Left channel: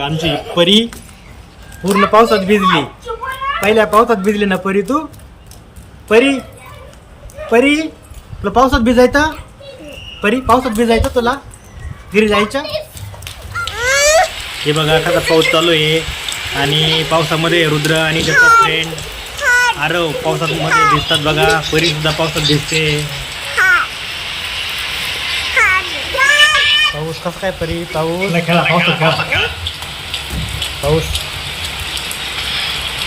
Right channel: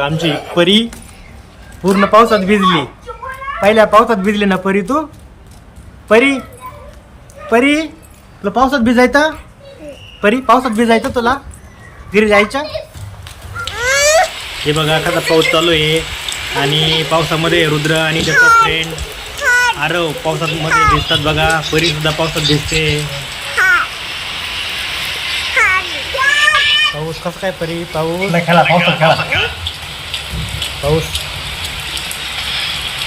आमची परी पूर्ण पावसात भिजली. पहिल्या पावसात भिजली ना परी तू. परी परी तुला पावसात भिजायचं. परी पावसात भिजायचं तुला. घरी जायचं. हे बघा कसा पाऊस चालू आहे आणि पावसामध्ये रुद्र आणि त्याचा फ्रेंड आरव पावसात मध्ये भिजतात बघा. परी सुद्धा पावसात भिजते. पाऊस कसा काय परी. पाऊस नाही खेळा. पावसात खेळा. पाऊस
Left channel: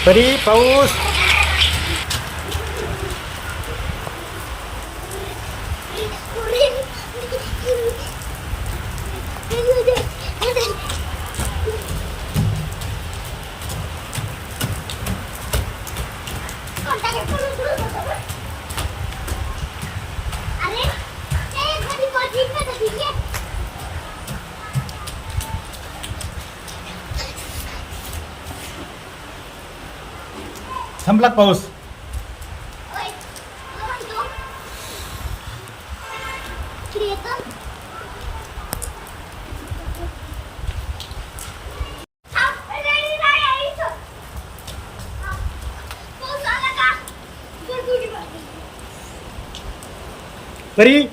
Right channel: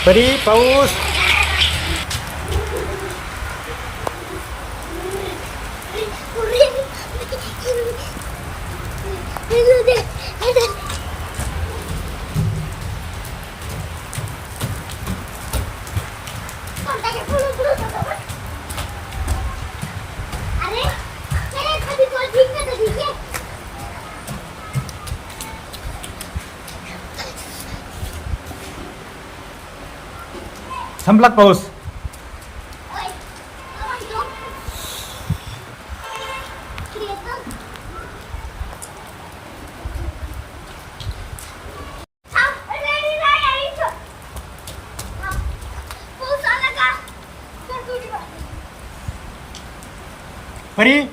परी पाऊस. संपला पाऊस. परी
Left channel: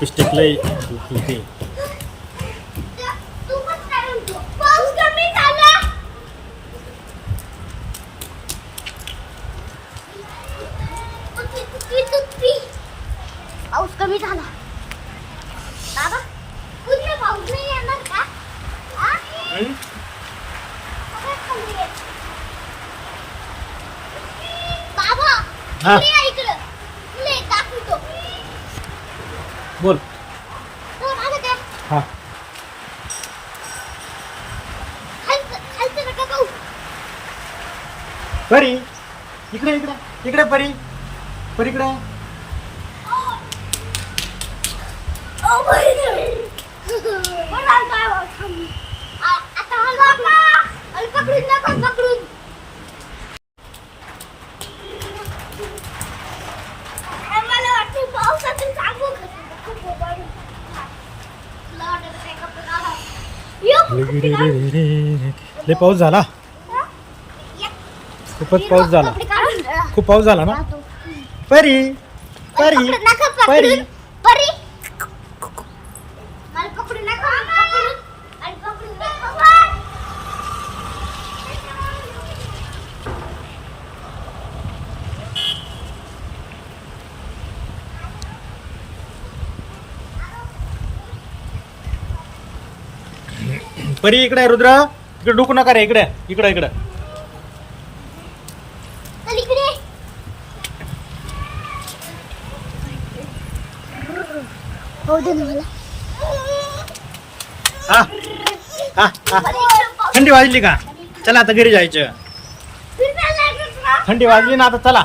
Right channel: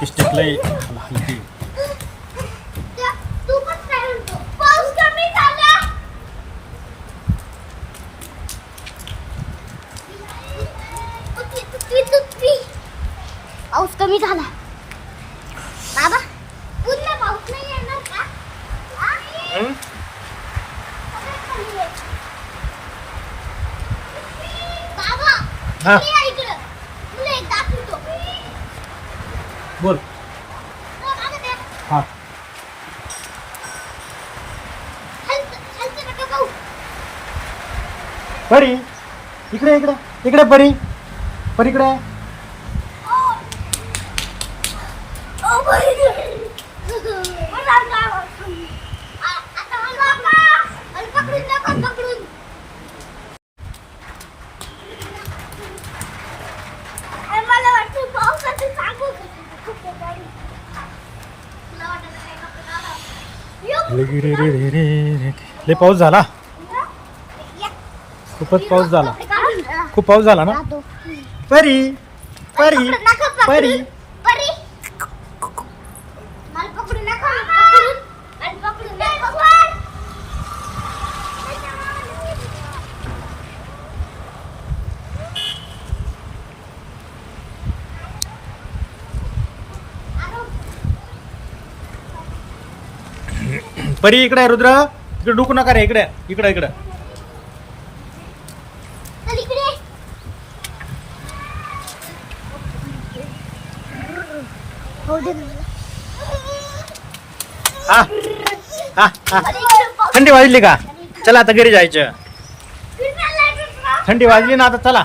पिस्टिक लय हलते. पाऊस कमी झाला बाबा. पूर्ण पाऊस नाही येणार का. बाबा हा इकडं तुला एक दाखवतो. बोल. हा परी इकडे इकडे इकडे परी. परी इकडे. मला वाटतं पावसाचं सांगू. लय पाऊस झाला. खूपच पाऊस झाला. खूप पाऊस झाला ना. परी परी परी परी मला पकडू नका. आणि पकडू नका. परी इकडे रुद्र. इकडे डुकू नका रे. इकडे इकडे इकडे. चल इकडे. हो दे मला. हा हा हा. थंडी वाजली का. चला आता घरी जायचं. थंडी वाजली ना आता चला.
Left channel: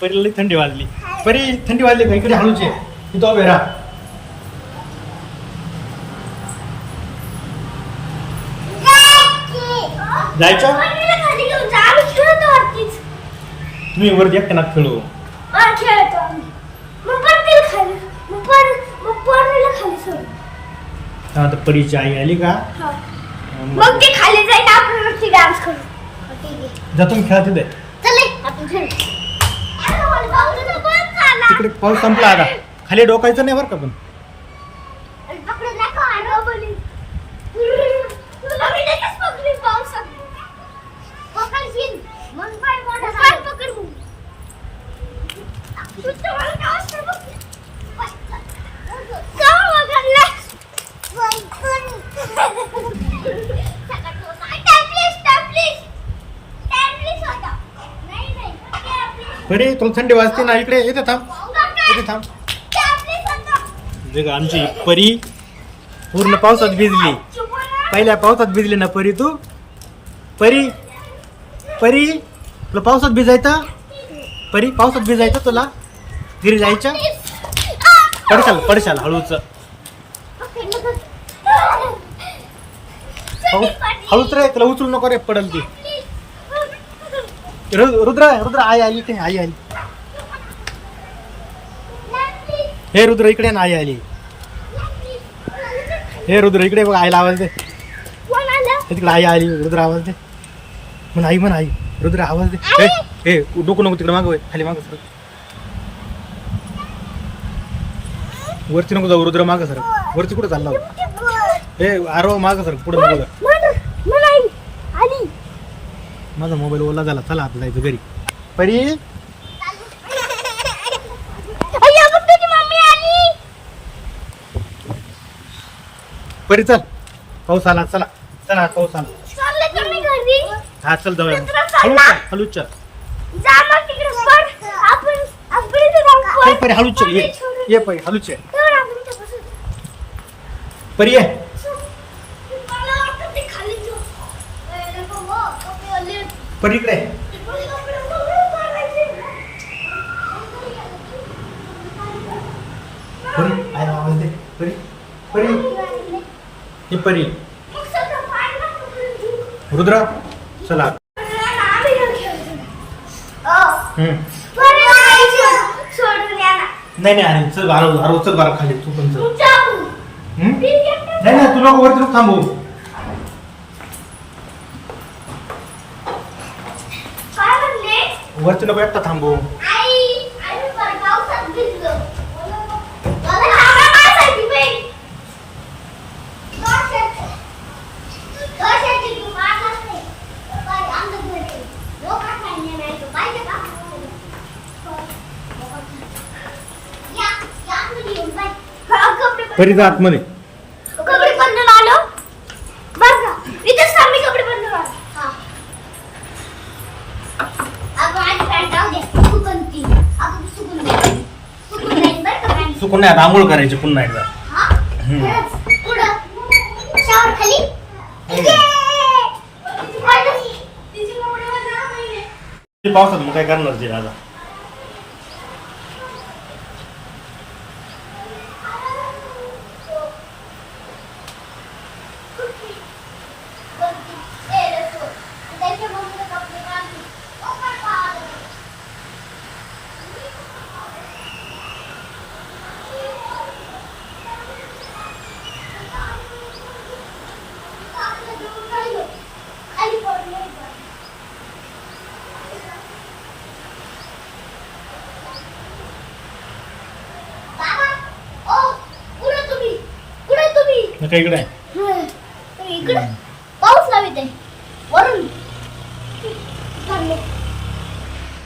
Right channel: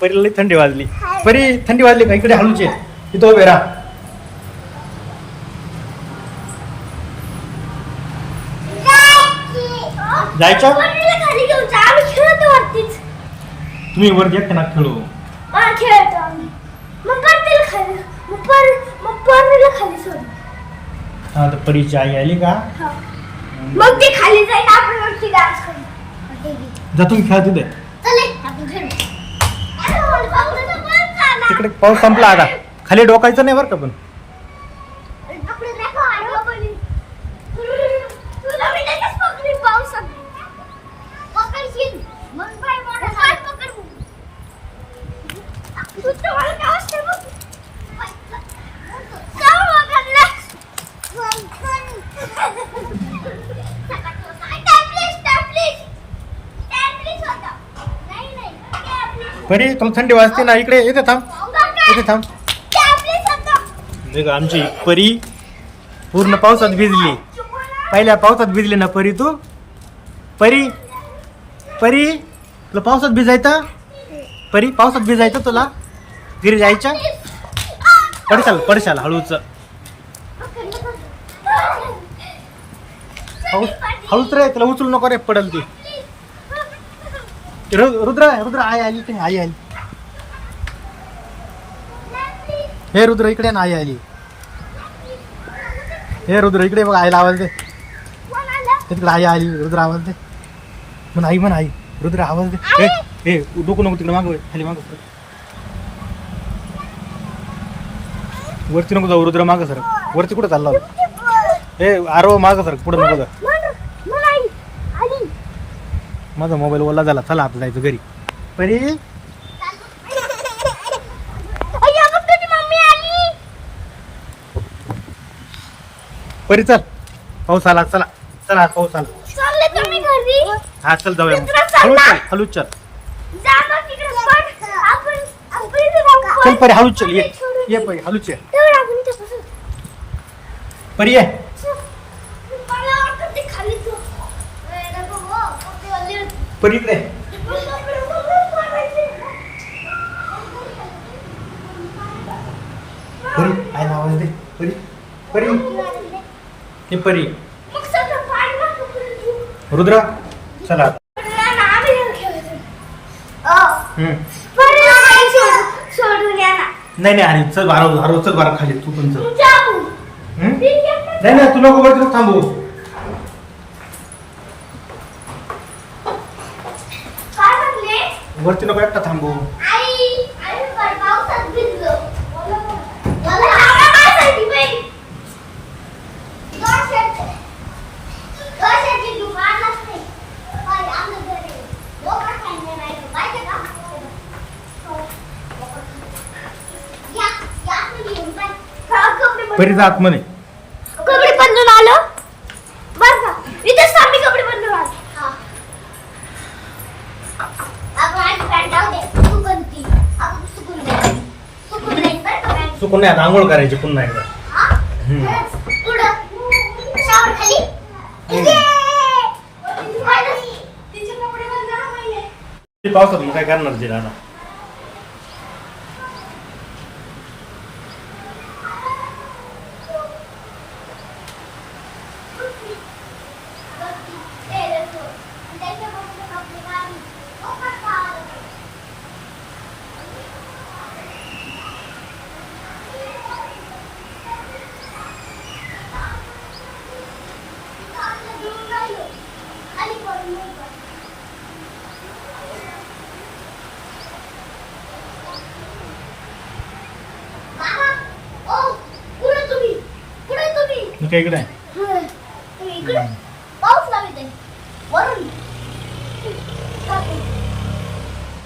परीला थंडी वाजली. परी थंडी वाजली का. इकडे हळूचे तिथं उभे राहा. जायचं. तुम्ही वरती एकटे ना खेळू. हा तर परीची आई आली का. मग ते खाली जाईल. आपण वरती डान्स करू. जा तुम्ही खेळा तिथे. तिकडे पाऊस संपला आता. खाली डोकायचं नाही बरं का. पण परी तुला थंडी वाजते ना. इकडे इथे थांब. इथे थांब. आमची परी पूर्ण पावसात भिजली. पहिल्या पावसात भिजली ना परी तू. परी परी तुला पावसात भिजायचं. परी पावसात भिजायचं तुला. घरी जायचं. पडशाल हळूच. पाऊस हळूच रे, तुला उचलू नको रे, पडल ती. रुद्र रुद्र आई आली ते, आई आली. हे रुद्र इकडे ना, आई आली. हे रुद्र इकडे बघ, आईला आवाज दे. हे तिकडे आई आली, रुद्र आवाज दे. म्हण आई, म्हण आई. रुद्र आवाज दे. हे नको नको, तिकडे मागं खाली मागं सर. वरती नको जाऊ रुद्र, मागं सर. वरती कुठं चालला होता? हे आरो मागं सर, पुढे नको जा. माझा मोबाईल ओला झाला, चला आता जायचं घरी. परी परी चल, पाऊस आला, चला चला, पाऊस आला. हा चल जाऊया मग. हळूच चल, हळूच चल. चल परी, हळूच चल. ये परी, हळूच ये. परी ये. परी इकडे. परी आईला आवाज दे. परी परी, हे परी. रुद्र चला. नाही नाही, आणि चल बारा, हरव चल बारा खाली, तू पण चल. नाही नाही, तू नको, वरती नको थांबू. वरती नको एकटा थांबू. परी जा आतमध्ये. कपडे बदलून आलो बरं का, इथेच आम्ही कपडे बदलून आलो. आपण आधी पॅन्ट जाऊ दे, सुकून ती आपण सुकून नाही, सुकून नाही बरं का पॅन्ट. चुकून नाही, आता आंघोळ करायची पुन्हा एकदा. हा खरंच. पुढं शावर खाली. पावसात मग काय करणार ते दादा? इकडे इकडे पाऊस लावित आहे वरून.